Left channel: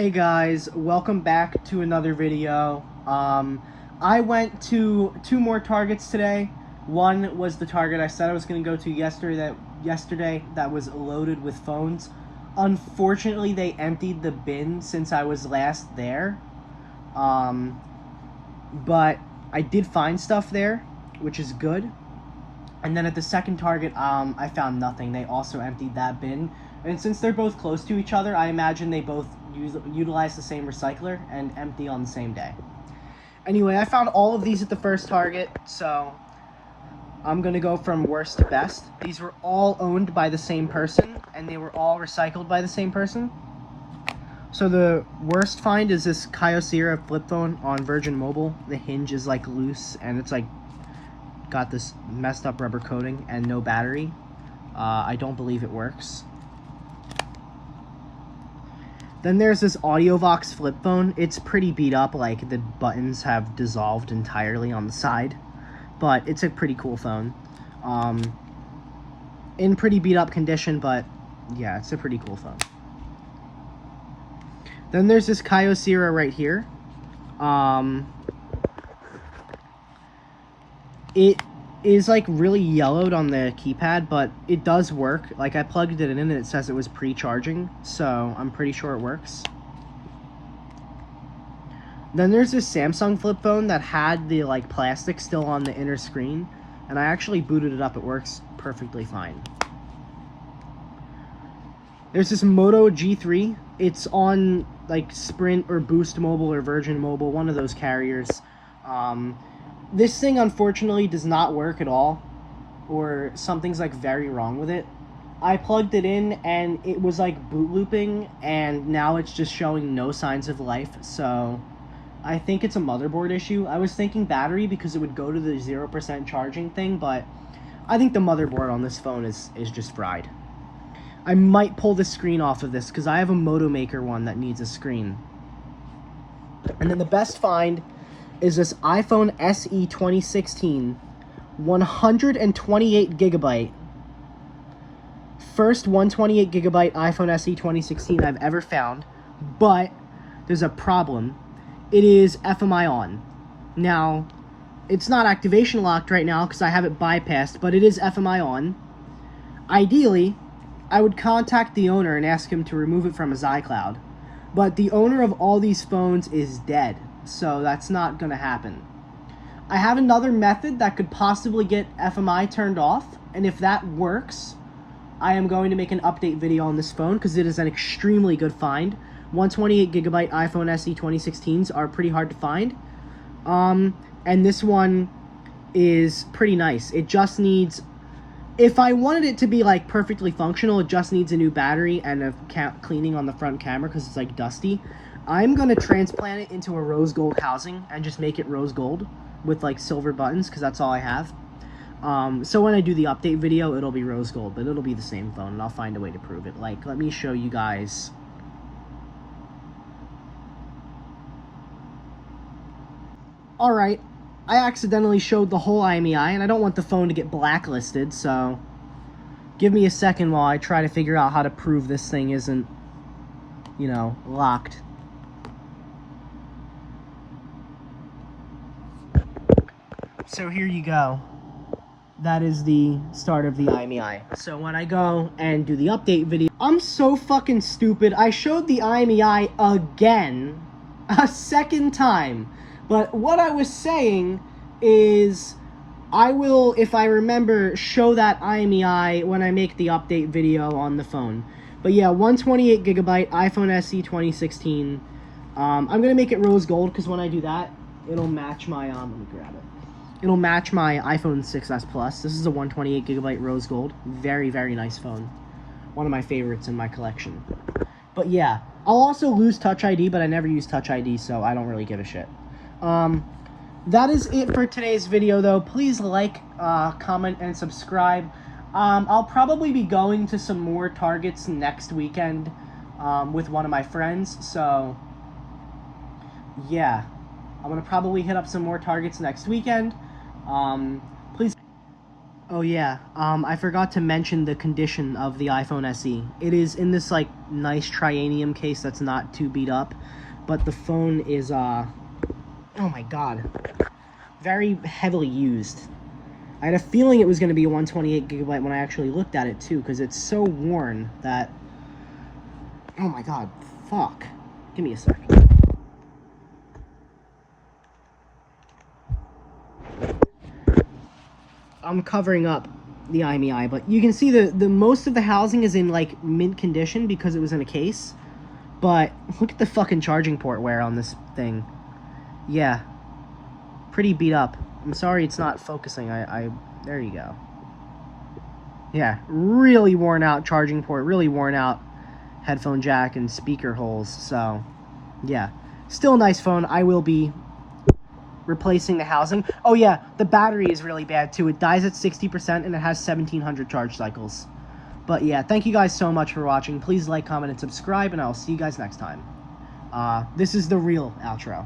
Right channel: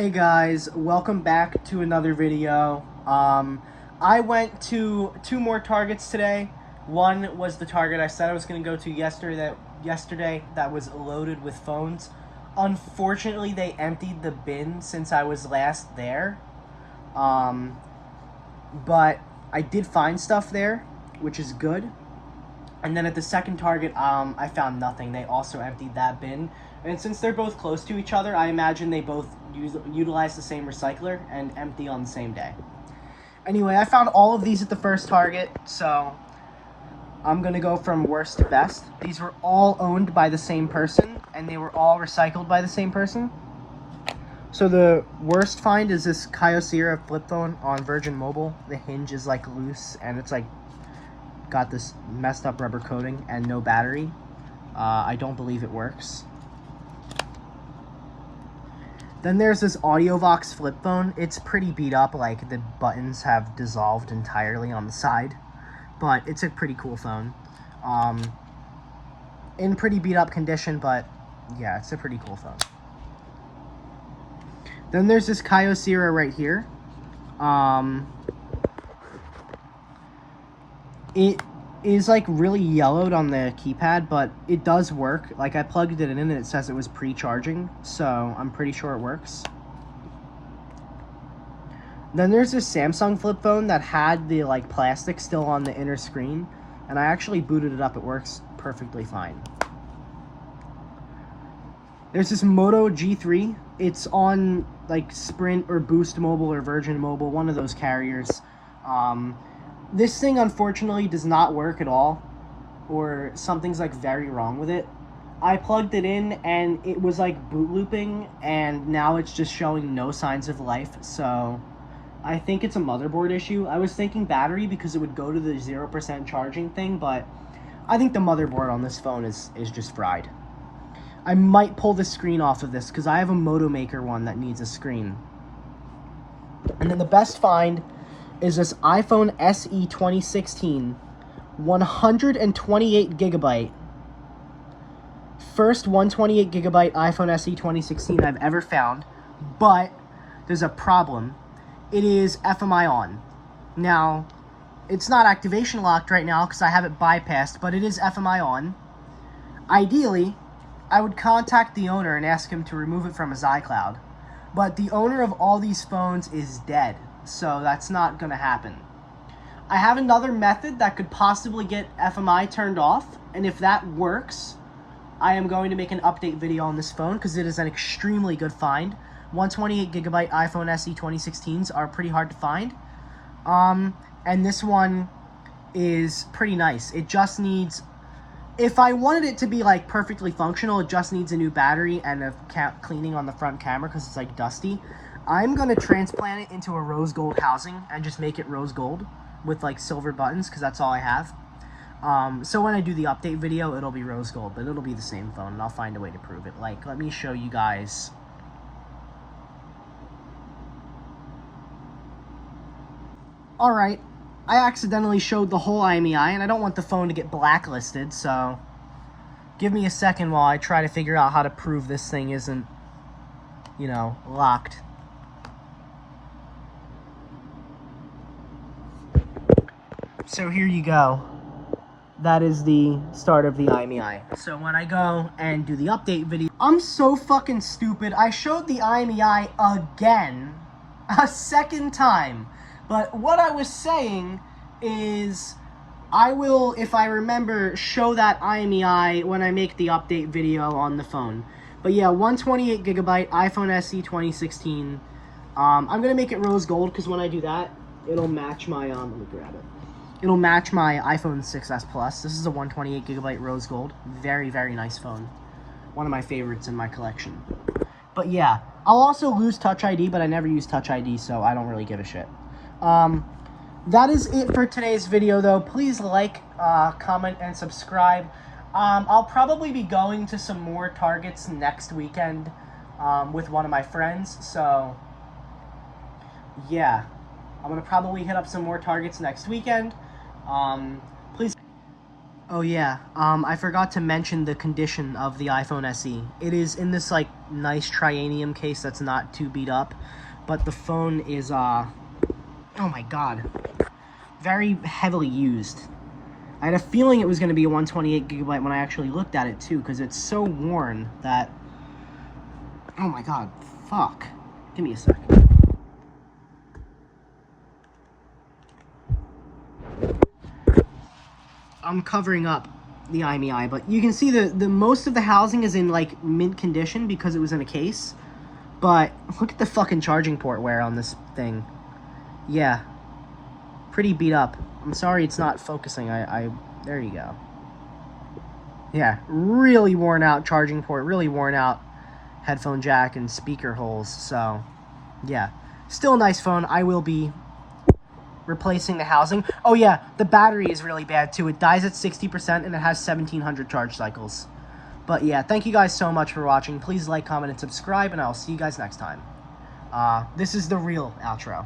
Hey guys, welcome back to another video. I went to two more Targets today. One was the Target I said I was going to go to yesterday that was loaded with phones. Unfortunately, they emptied the bin since I was last there. But I did find stuff there, which is good. And then at the second Target, I found nothing. They also emptied that bin. And since they're both close to each other, I imagine they both utilize the same recycler and empty on the same day. Anyway, I found all of these at the first Target, so I'm going to go from worst to best. These were all owned by the same person, and they were all recycled by the same person. So the worst find is this Kyocera flip phone on Virgin Mobile. The hinge is like loose, and it's like got this messed up rubber coating and no battery. I don't believe it works. Then there's this AudioVox flip phone. It's pretty beat up, like the buttons have dissolved entirely on the side, but it's a pretty cool phone. In pretty beat up condition, but yeah, it's a pretty cool phone. Then there's this Kyocera right here. It is like really yellowed on the keypad, but it does work. Like I plugged it in and it says it was pre-charging, so I'm pretty sure it works. Then there's this Samsung flip phone that had the like plastic still on the inner screen, and I actually booted it up. It works perfectly fine. There's this Moto G3. It's on like Sprint or Boost Mobile or Virgin Mobile, one of those carriers. This thing unfortunately does not work at all, or something's like very wrong with it. I plugged it in and it was like boot looping, and now it's just showing no signs of life, so I think it's a motherboard issue. I was thinking battery because it would go to the 0% charging thing, but I think the motherboard on this phone is just fried. I might pull the screen off of this because I have a Moto Maker one that needs a screen. And then the best find is this iPhone SE 2016, 128 gigabyte. First 128 gigabyte iPhone SE 2016 I've ever found, but there's a problem. It is FMI on. Now, it's not activation locked right now because I have it bypassed, but it is FMI on. Ideally, I would contact the owner and ask him to remove it from his iCloud, but the owner of all these phones is dead, so that's not going to happen. I have another method that could possibly get FMI turned off, and if that works, I am going to make an update video on this phone because it is an extremely good find. 128 gigabyte iPhone SE 2016s are pretty hard to find, and this one is pretty nice. It just needs, if I wanted it to be like perfectly functional, it just needs a new battery and a cleaning on the front camera because it's like dusty. I'm going to transplant it into a rose gold housing and just make it rose gold with like silver buttons because that's all I have. So when I do the update video, it'll be rose gold, but it'll be the same phone and I'll find a way to prove it. Like, let me show you guys. Alright, I accidentally showed the whole IMEI and I don't want the phone to get blacklisted, so give me a second while I try to figure out how to prove this thing isn't, you know, locked. So here you go. That is the start of the IMEI. So when I go and do the update video, I'm so fucking stupid. I showed the IMEI again, a second time. But what I was saying is I will, if I remember, show that IMEI when I make the update video on the phone. But yeah, 128 gigabyte iPhone SE 2016. I'm going to make it rose gold because when I do that, it'll match my, let me grab it. It'll match my iPhone 6s Plus. This is a 128 gigabyte rose gold. Very, very nice phone. One of my favorites in my collection. But yeah, I'll also lose Touch ID, but I never use Touch ID, so I don't really give a shit. That is it for today's video, though. Please like, comment, and subscribe. I'll probably be going to some more Targets next weekend with one of my friends, so yeah. I'm going to probably hit up some more Targets next weekend. Please. Oh yeah, I forgot to mention the condition of the iPhone SE. It is in this like nice trianium case that's not too beat up, but the phone is oh my god, very heavily used. I had a feeling it was going to be 128 gigabyte when I actually looked at it too, because it's so worn that, oh my god, fuck. Give me a second. I'm covering up the IMEI, but you can see the most of the housing is in like mint condition because it was in a case. But look at the fucking charging port wear on this thing. Yeah, pretty beat up. I'm sorry it's not focusing. There you go. Yeah, really worn out charging port, really worn out headphone jack and speaker holes. So yeah, still a nice phone. I will be replacing the housing. Oh yeah, the battery is really bad too. It dies at 60% and it has 1700 charge cycles. But yeah, thank you guys so much for watching. Please like, comment, and subscribe, and I'll see you guys next time. This is the real outro.